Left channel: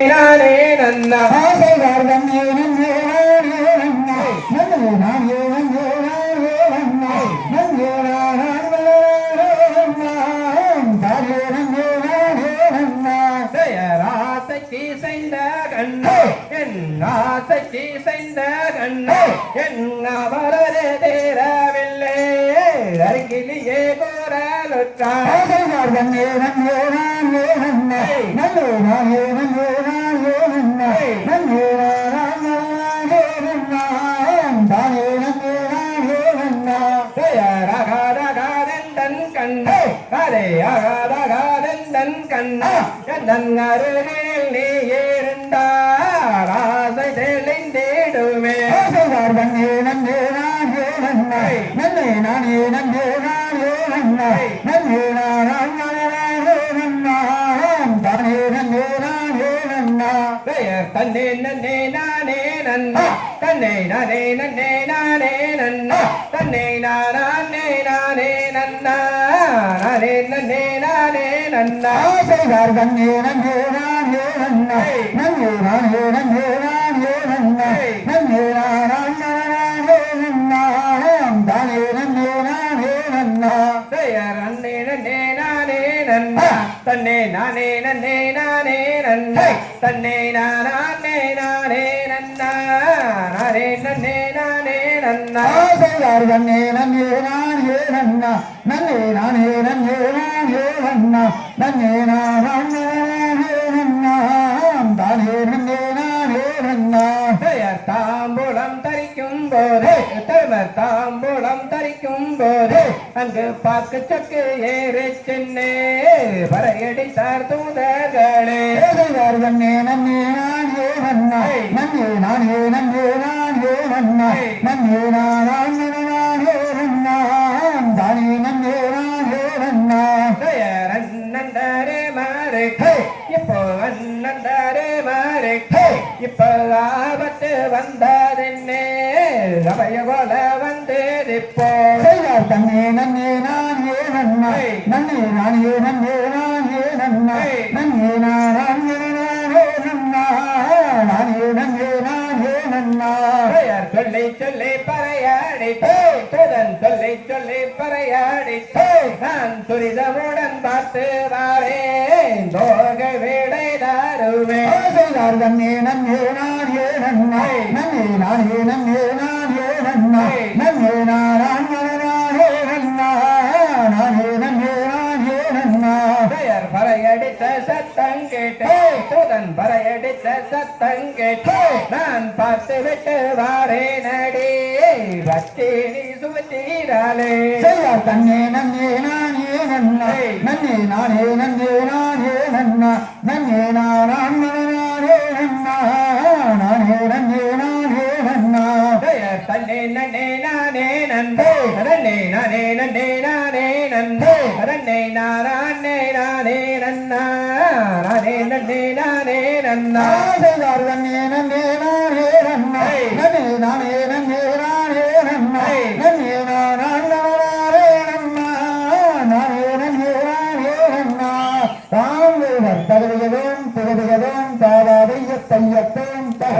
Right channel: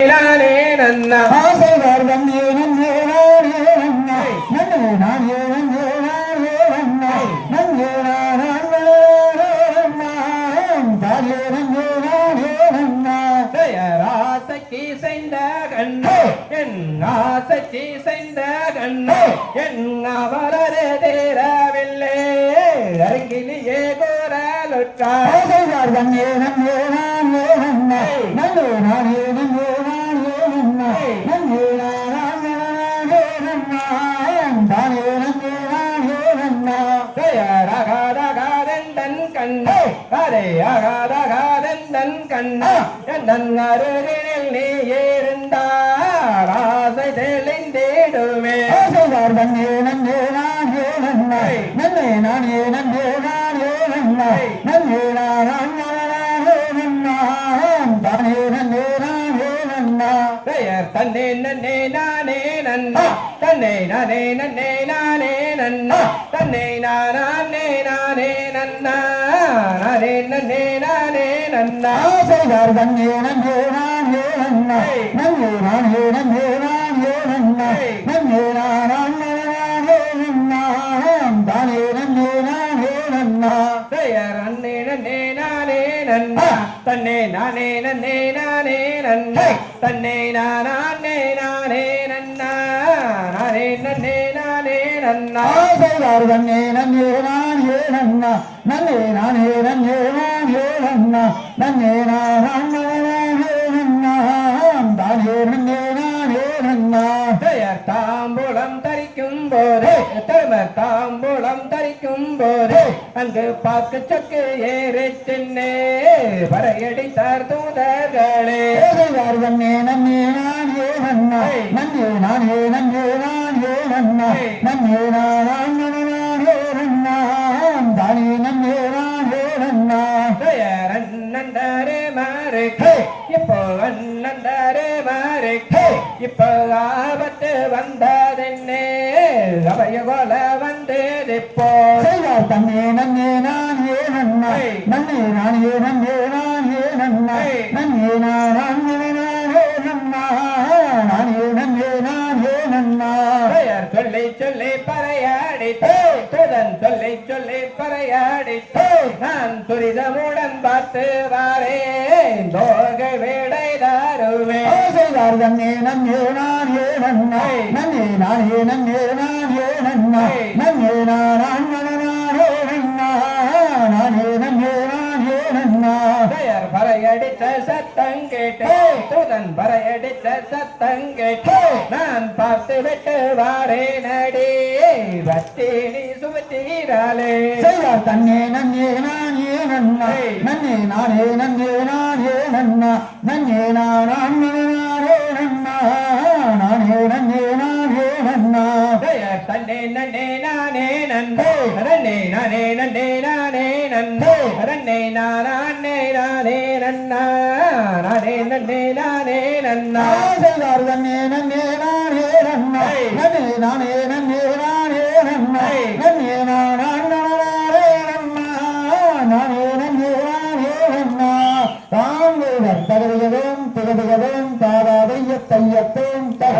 நானே நன்னா ஆசைவார் வந்தே நன்னே நானே நன்னா நன்னே நானே நன்னே நானே நன்னா நன்னே நானே தானே நன்னே நானே நன்னா தயாராசைக்கு செய்த கண்ணே என் ஆசைக்கு செய்த கண்ணே என் அவரது தேரவில்லை அருகிலேயே கோரலுற்றார் ஆசைவார் வந்தே நன்னே நானே நன்னா நன்னே நானே நன்னே நானே நன்னா நன்னே நானே நன்னா தானே நன்னே நானே நன்னா தயாராகாதன் கண்ணே அரையாகாதன் கண்ணா கண்ணன் அருகில் நீ இருந்தார் ஆசை தெளிந்திடுமே ஆசைவார் வந்தே நன்னே நானே நன்னா நன்னே நானே நன்னே நானே நன்னா நன்னே நானே நன்னா தானே நன்னே நானே நன்னா பெயர் தன்னே நன்னே நானே நன்னா தன்னை நானே நன்னே நானே நன்னா தன்னை நானே நானே நன்னா நானே நன்னே நானே நன்னா ஆசைவார் வந்தே நன்னே நானே நன்னா நன்னே நானே நன்னே நானே நன்னா நன்னே நானே நன்னா தானே நன்னே நானே நன்னா பெயர் அன்னே நன்னே நானே நன்னா தன்னை நானே நன்னே நானே நன்னா தன்னை நானே நானே நன்னா நானே நன்னே நானே நன்னா ஆசைவார் வந்தே நன்னே நானே நன்னா நன்னே நானே நன்னே நானே நன்னா நன்னே நானே நன்னா தானே நன்னே நானே நன்னா பெயர் தாம்பூலம் தரிக்கும் போது தருமர் தாம்பூலம் தரிக்கும் போது அங்கு பார்க்க சக்கு ஏறி சென்னே பறையடித்தார் தூதர்களே ஆசைவார் வந்தே நன்னே நானே நன்னா நன்னே நானே நன்னே நானே நன்னா நன்னே நானே நன்னா தானே நன்னே நானே நன்னா பெயர் அண்ணந்தாரே மாறுக்கே இப்போ அண்ணந்தாரே மாறுக்கே இப்போ ஆபத்து வந்ததென்னே அவைய போல வந்தேதிப்போ ஆசைவார் தன்னே நன்னே நானே நன்னா நன்னே நானே நன்னே நானே நன்னா நன்னே நானே நன்னா நானே நன்னே நானே நன்னா பெயர் சொல்லி சொல்லி பறையாடித்தே துதன் சொல்லி சொல்லி பறையாடித்தே நான் துரிதமுடன் பார்த்து வாரேன் தோக வேடை தாருவே ஆசைவார் தன்னே நன்னே நானே நன்னா நன்னே நானே நன்னே நானே நன்னா நன்னே நானே நன்னா நானே நன்னே நானே நன்னா பெயர் பறையடித்த சத்தம் கேட்டு துதன் பறையடித்த சத்தம் கேட்டு நான் பார்த்து விட்டு வாரேன் அடி பத்தினி சுமத்தீராலே செய்யார் தன்னே நன்னே நானே நன்னா நன்னே நானே நன்னே நானே நன்னா நன்னே நானே நன்னா நானே நன்னே நானே நன்னா பெயர் தன்னே நன்னே நானே நன்னே நன்னே நானே நன்னே நானே நன்னே நன்னே நானா